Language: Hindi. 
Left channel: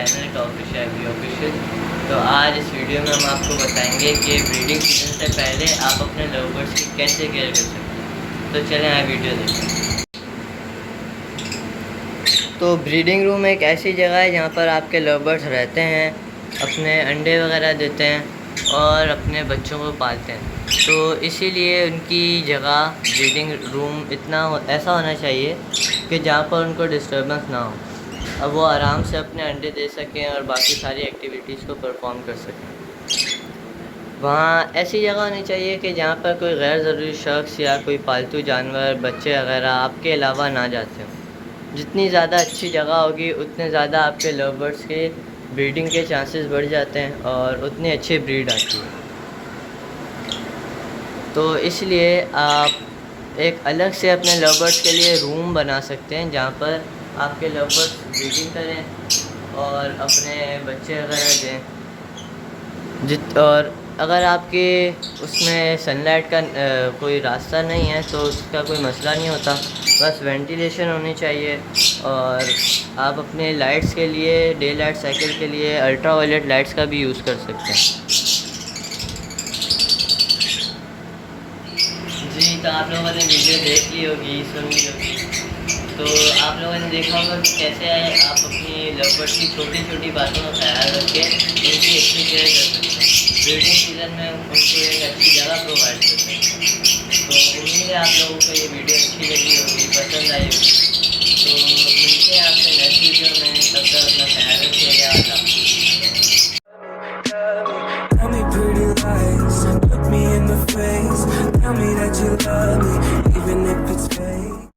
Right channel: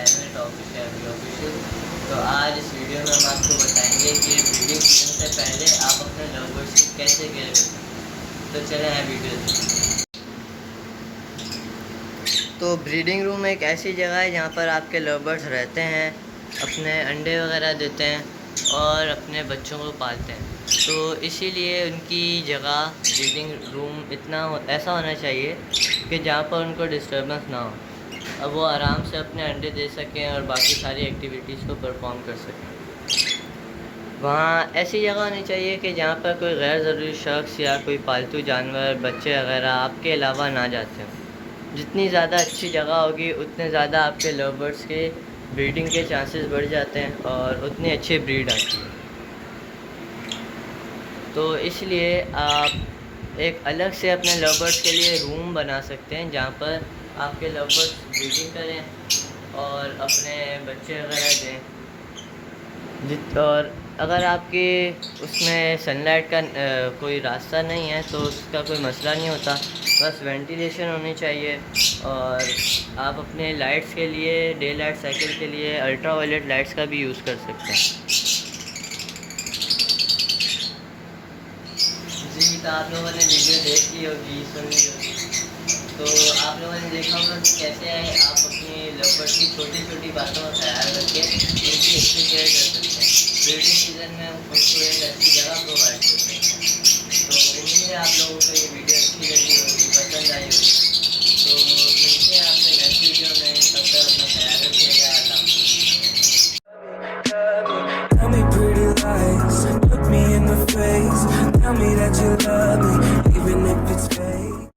Channel toffee shabby official. तो आज इस वीडियो में हम आपको बताएंगे कि ब्रीडिंग सीजन से पहले आप अपने लव बर्ड्स की कैसे केयर कर सकते हैं। तो चलें आए वीडियो देखें। तो ब्रीडिंग रूम एक ऐसी जगह है जहाँ पर आपके लव बर्ड्स रहते हैं, अपने अंडे वगैरह देते हैं और अपने बच्चों को पालते हैं। तो इसीलिए उनकी जगह ब्रीडिंग रूम ऐसा होना चाहिए कि जहाँ पर उनको डिस्टर्बेंस ना हो, अब वो आराम से अपने अंडे दे सकें और बाकी सारी एक्टिविटीज़ को परफॉर्म कर सकें। वहाँ ऐसी जगह होनी चाहिए कि जहाँ पर कोई गैर ज़रूरी शख्स या कोई पालतू जानवर, बच्चे वगैरह आपके अलावा ना जाते हों। जितनी ज़्यादा अच्छी जगह होगी उतने ज़्यादा आपके लव बर्ड्स के ब्रीडिंग के चांसेस बढ़ जाते हैं और उतनी अच्छी ब्रीड आती है। तो इसलिए आप एक अलग से अपने लव बर्ड्स के लिए रूम बना सकते हैं जहाँ पर आपके लव बर्ड्स ब्रीडिंग करें और अपने बच्चे वगैरह दें। और अगर आपके उसमें सनलाइट का कोई रास्ता नहीं है तो उसका कोई मसला नहीं होता, बस वेंटिलेशन होनी चाहिए। और आप अपने लाइट्स के लिए, डे लाइट साइकिल के लिए अल्ट्रा वायलेट लाइट्स का भी यूज़ कर सकते हैं। जी, तो आप लोगों ने वीडियो देख ली होगी, सुन ली होगी। तो आप लोगों ने देखा होगा कि कैसे आप अपनी लव बर्ड्स की छोटी छोटी बातों का ख्याल रख के उनकी अच्छी केयर कर सकते हैं। ब्रीडिंग सीजन में उनको एक अच्छी जगह प्रोवाइड कर सकते हैं। तो उम्मीद है आप लोगों को ये वीडियो अच्छी लगी होगी, पसंद आई होगी। तो मिलते हैं आपसे नेक्स्ट वीडियो में, तब तक अपना ख्याल रखिएगा। Tell me pretty lies, look me in the face, tell me that you love me, even if it's fake.